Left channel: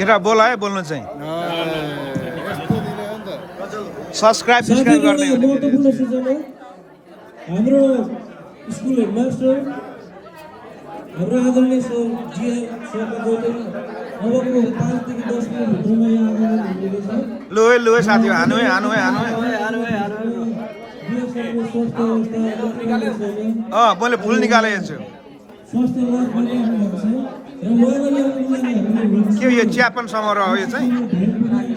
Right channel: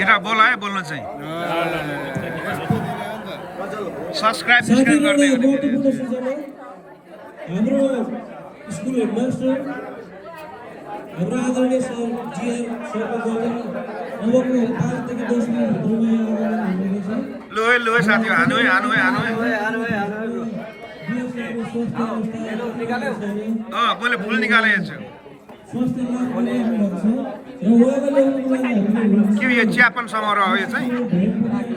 केटा बोला है बोल्नु चाहिँ सब्स्क्राइब गर्ने हाम्रो स्कुल हेडमास्टर हाम्रो आदरणीय सर जीएम सरको गौतम अबको 5 देखि 10 मिनेट भित्रमा यहाँ आगमन हुनेछ। लुहे साथी हानु है मैले फुल निकालेको छु के यो चियापन समारोह हो यो चाहिँ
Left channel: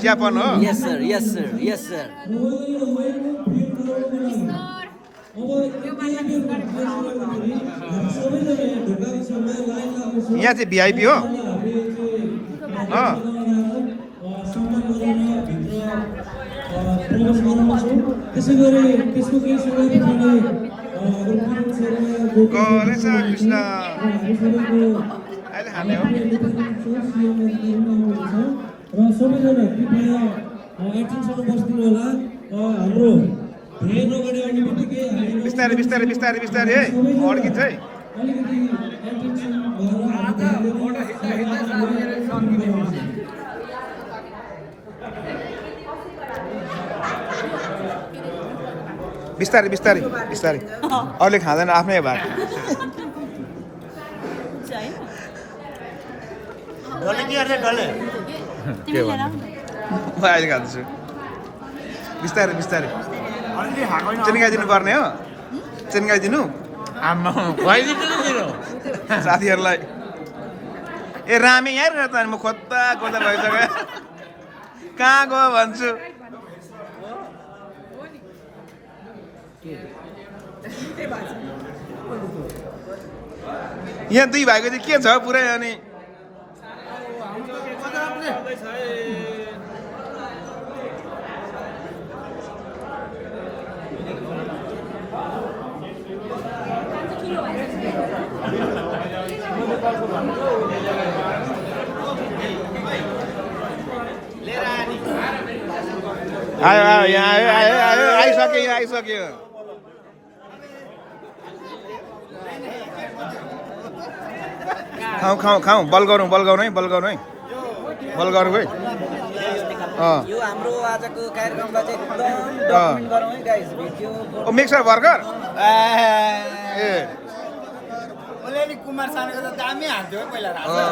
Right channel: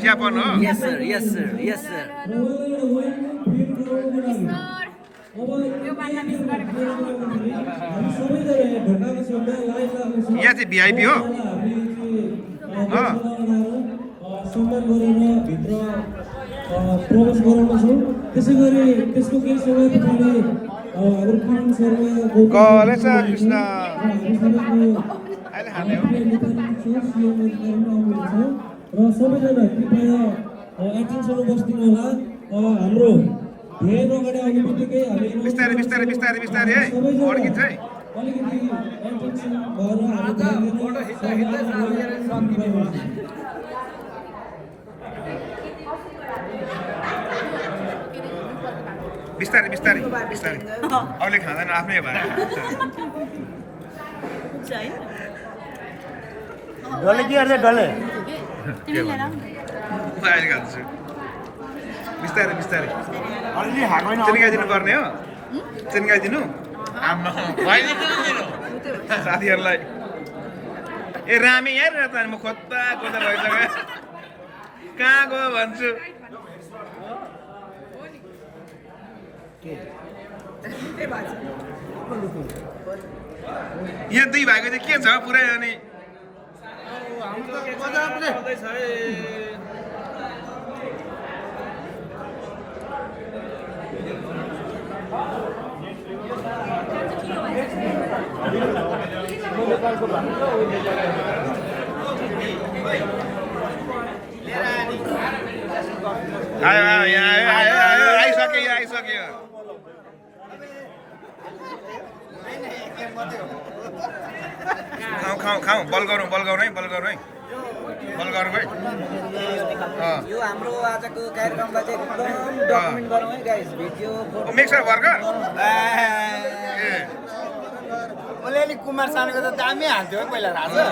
चियापन हो यस सर यहाँ चाहिँ भिआइपी हो प्रवेश गराउनेछौँ। त्यसै गरी त्यसको केही समय पछाडि कलेज कृष्ण अहिले खाने हो र सबैजना कृपया एकछिनसम्म बस्दिनु होला। हाम्रो धेरै अगाडि आउने बित्तिकै बिस्तारै है अड्किन्छ है अलिकति एटेन्सन बिस्तारै अरूले खाँदैन आफ्नै भए म अहिले खान्छु बिस्तारै चिन्काइदिनु पर्ने हो चिन्काइदिनु साथीहरूलाई ए रामे यहाँ रहेछ म खोज्दा भइसक्यो कहाँ गयो भन्छु यहाँ दुई भाइको चाहिँ के छ पुरै अनि आइसक्यो खाऊ बल गरौँ है यो हाम्रो आजको कार्यक्रमलाई चाहिँ एकदम डकुमेन्ट गरौँ है गाइस भिडियो मिक्सर भर्खर ए ओले नि कुमार सानुको त दामी हाल्थ्यो पहिला राजा